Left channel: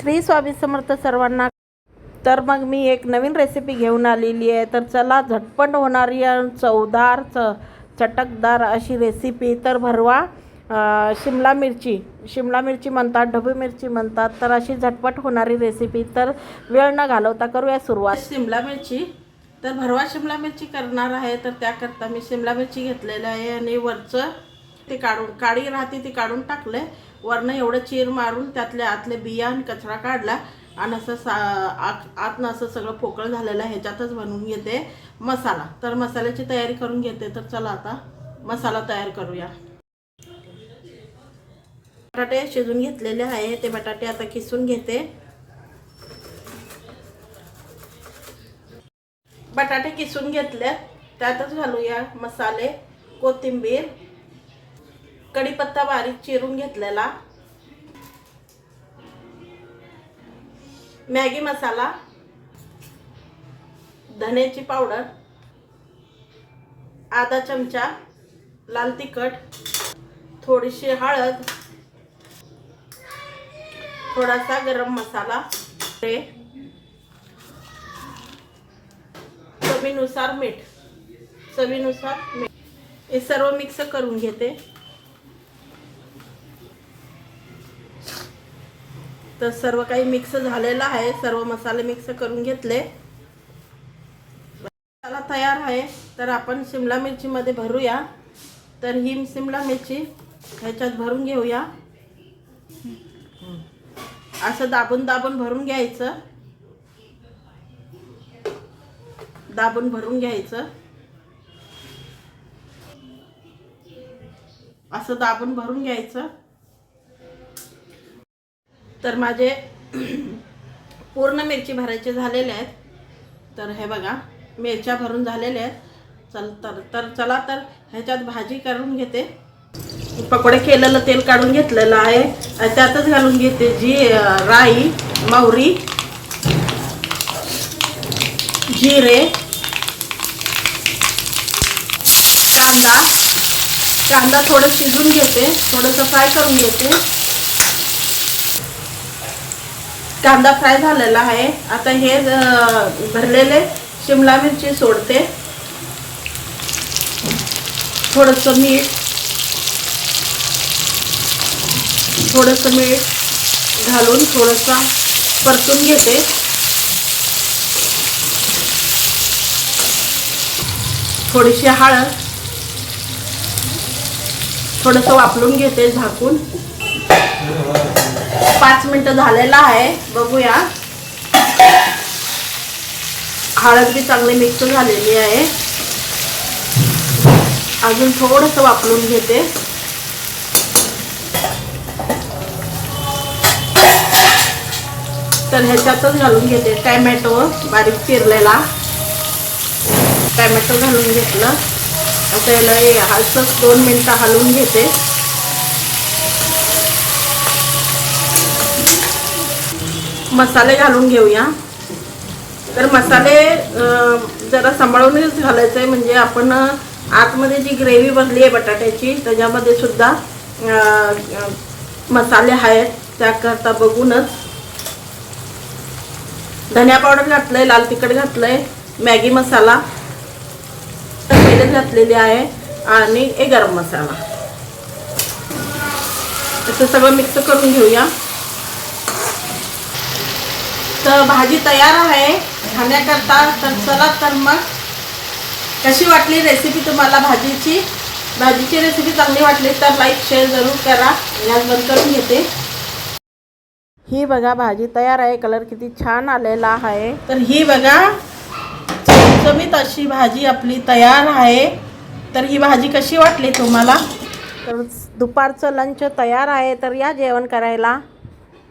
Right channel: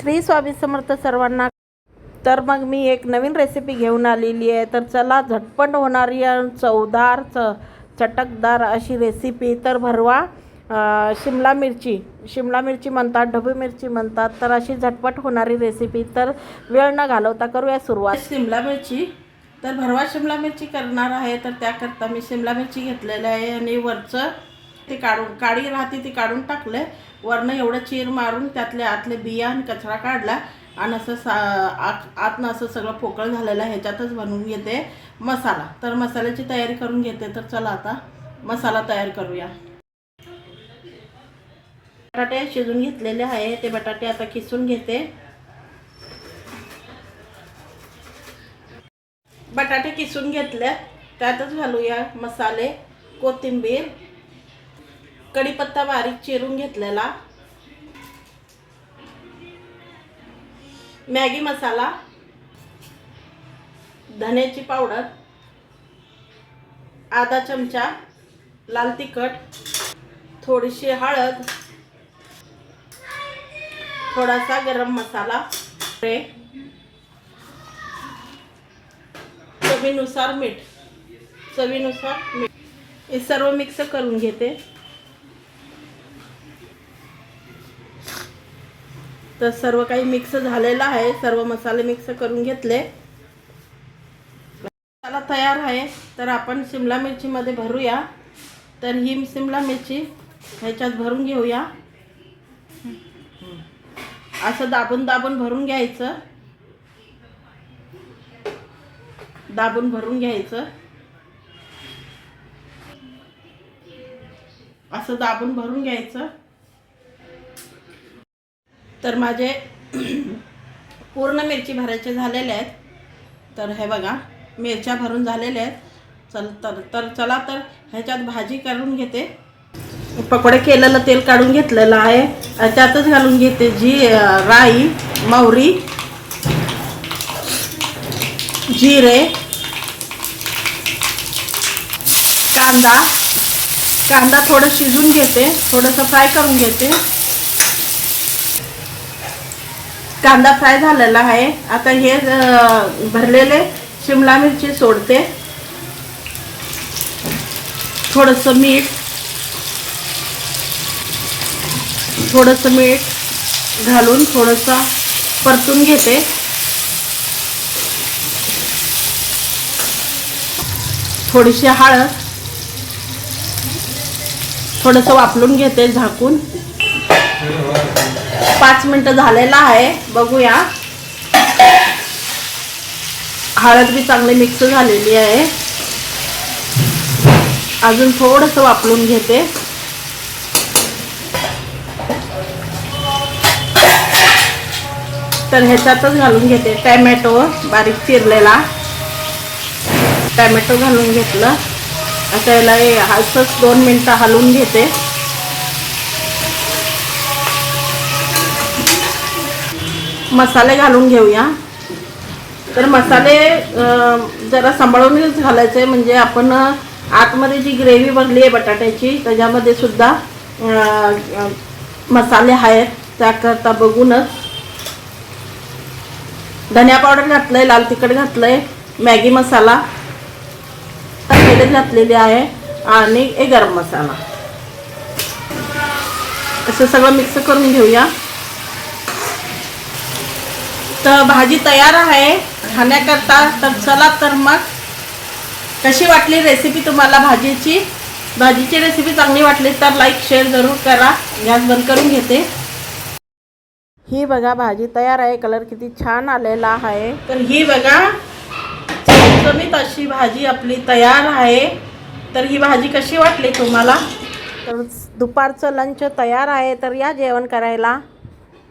श्री स्वामी समर्थ सर्वांना. तर मग मी एक नवीन रेसिपी घेऊन आलेली आहे. तर चला झटपट होणारी चवदार च चटकदार अशी रेसिपी तर भरवा शिमला मिरची. शिमला मिरची म्हणतात ढबू मिरची म्हणतात. तर अशी झटपट होणारी रेसिपी तर वेळ न घालवता करूया सुरुवात. शिमला मिरची. तर भरवा शिमला मिरची करणार आहे. तर त्याकरता मी शिमला मिरची घेतलेलं आहे आणि वरचं ते काढून काळी राहते ती काढून टाकलं वरनं एवढं चीर मारून त्यातल्या आतले बिया आणि कचरा काढला. आणि असं सा आत आतनं असं सगळं पोकळ झालेलं आहे. ह्याच्यातच बनवून घेते मसाला. तर मसाल्याची तयारी करून घेते. तर चला आता मसाला तयार करूया. बटाटे शिजून घेतलेले आहे. ते बटाटे आता किसून घेते. बटाटे किसून घेतले. त्यातच घालूया मसाले कोथिंबीर कढीपत्ता बारीक चिरून घेतलेला. मॅगी मसाला. धन्याची पावडर. आधा चमचा लाल तिखट. थोडीशी हळद. थोडासा गरम मसाला. चवीनुसार मीठ. चवीनुसार मीठ. हे सर्व मिक्स करून घेते. तर सर्व काही मिक्स झालेलं आहे. सर्व मसाले मिक्स करून घेतले. मसाला तयार आहे. तर आपण शिमला मिरचीमध्ये भरूया. तर ही शिमला मिरची ह्याच्यात भरून घेऊया. असं दाबून दाबून भरून घ्यायचं. दाबून भरून घ्यायचं. असं दाबून भरून घ्यायचं. तर माझे पूर्ण मिरची भरायचे झालेले आहेत. तर हे बघा मिरच्या भरून झालेल्या आहेत. चल तर तर चला तर ह्याच्यात भाजी करून घेते. पकोडे केलेलं तेल काढून घेतलेलं आहे. त्यातच घालून घेते जी राई मोहरी जिरे कांदा. कांदा थोडं शिजून घेते. थोडंसं फ्राय करून घेते. कांदा फ्राय झालेला आहे. आता हे भरलेले शिमला मिरची सोडते. थोडंसं मीठ. थोडंसं मीठ घालून थोडंसं परतून घेते. थोडीशी हळद. थोडंसं वापरून घेते झाकून. पाच मिनिट झालेला आहे. बघूया. हळद बी चांगली मिक्स झालेली आहे. अजून थोडंसं वापरून घेते. तर ह्याच्यातच घालून घेते. टॅमॅटो बारीक चिरलेला. टॅमॅटो घालून घेतलं. आता याला हे असंच दोन मिनटं हलवून घेते. मसाले घालून घेऊया. तर मसाले जरा सांभाळूनच घालायचे आहे म्हणजे आपण आतमध्ये जी ग्रेव्ही बनली आहे बटाट्याची त्याच्यामध्ये सुद्धा मसाले आहेत. त्याकरता बघूनच. धनिया पावडर घातलंय लाल तिखट घातलंय मॅगी मसाला तेल घातलेले आहे आणि एक गरम मसाला. असं सगळं मिक्स करून घेऊया. तर भाजी तयार आहे. खाण्याकरता तर चला तर मग. कशी वाटली रेसिपी तुम्हाला भाजीची? भाजीची रेसिपी चांगली वाटली तर लाईक शेअर जरूर करा. गॅस बंद करून घेते. ही बघा भाजी तयार आहे. कलर किती छान आलेला आहे. तर ही बघा. चमचमीत अशी भाजी आपली तयार आहे. तर ही भाजी कशी वाटली तुम्हाला? तर दुपारचं लंच तयार आहे. तर या जेवण करायला.